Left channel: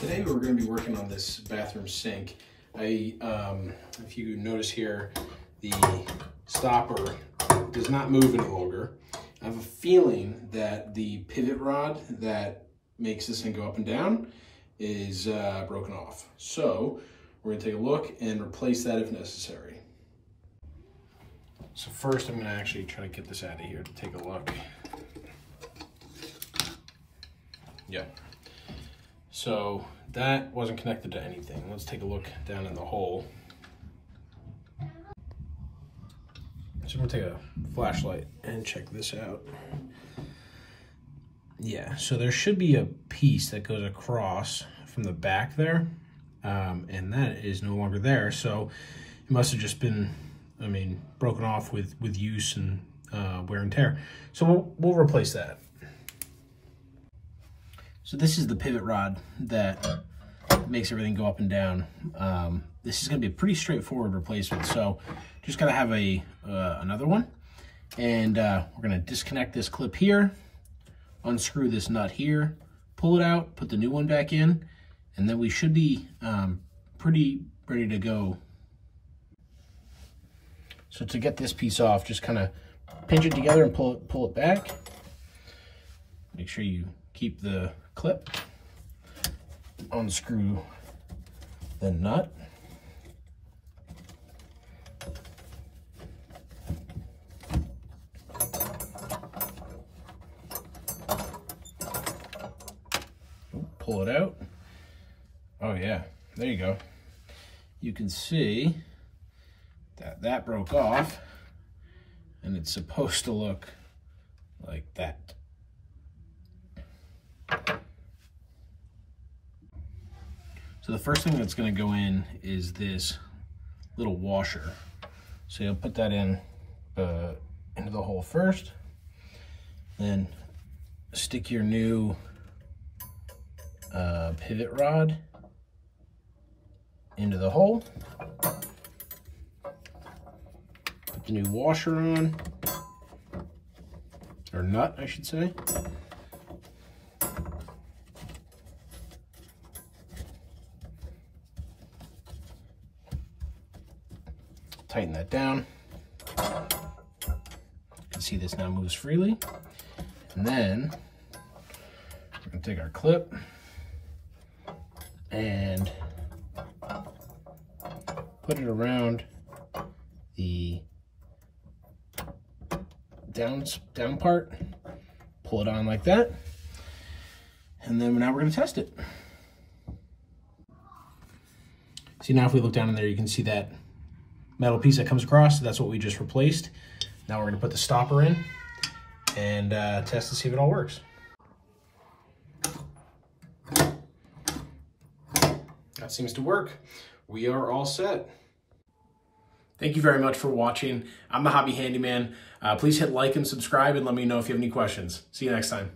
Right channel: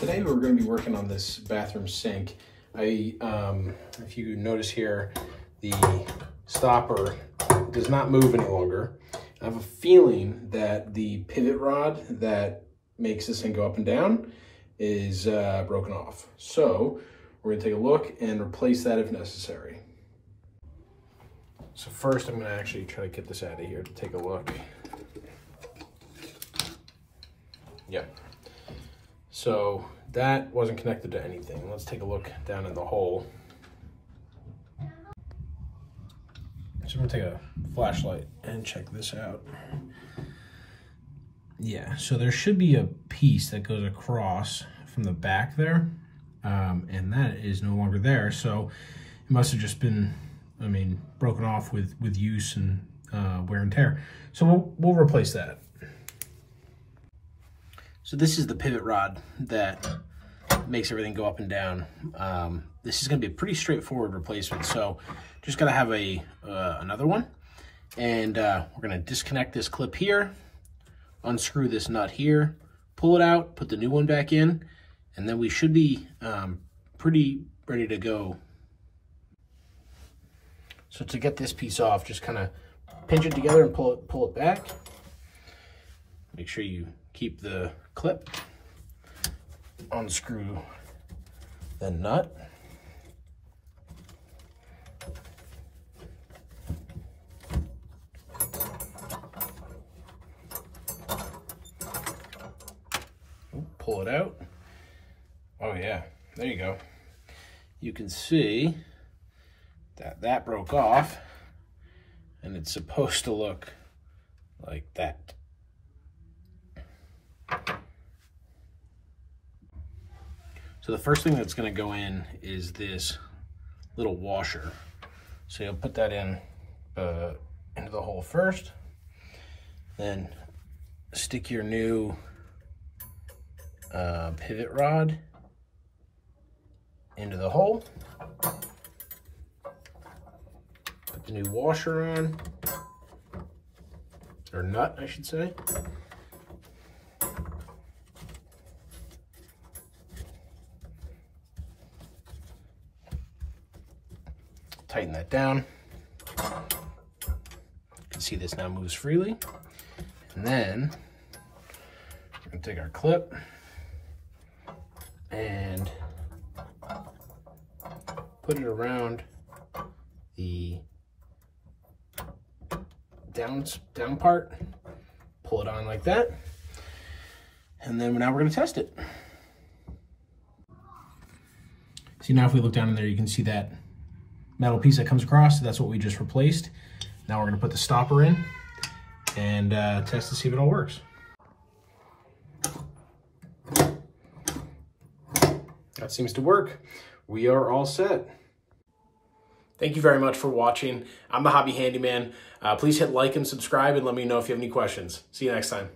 Today we're going to be working on this bathroom sink. If you notice here, the stopper does not move any longer. I have a feeling that the pivot rod that makes this thing go up and down is broken off. So we're going to take a look and replace that if necessary. So first I'm going to actually try to get this out of here to take a look. Yep. So that wasn't connected to anything. Let's take a look down in the hole. So I'm gonna take a flashlight and check this out. Yeah, so there should be a piece that goes across from the back there, and that is no longer there. So it must have just been, broken off with use and wear and tear. So we'll replace that. So this is the pivot rod that makes everything go up and down. This is going to be a pretty straightforward replacement. So just got to have another one. And we're going to disconnect this clip here, unscrew this nut here, pull it out, put the new one back in, and then we should be pretty ready to go. So to get this piece off, just kind of pinch it together and pull it back. Make sure you keep the clip, unscrew the nut, pull it out. Oh yeah, there you go. You can see that that broke off, and it's supposed to look like that. So the first thing that's going to go in is this little washer. So you'll put that in into the hole first, then stick your new pivot rod into the hole, put the new washer on, or nut I should say. Tighten that down. You can see this now moves freely. And then we're going to take our clip and put it around the down part, pull it on like that, and then now we're going to test it. See, now if we look down in there, you can see that metal piece that comes across. That's what we just replaced. Now we're going to put the stopper in and test to see if it all works. That seems to work. We are all set. Thank you very much for watching. I'm the Hobby Handyman. Please hit like and subscribe and let me know if you have any questions. See you next time.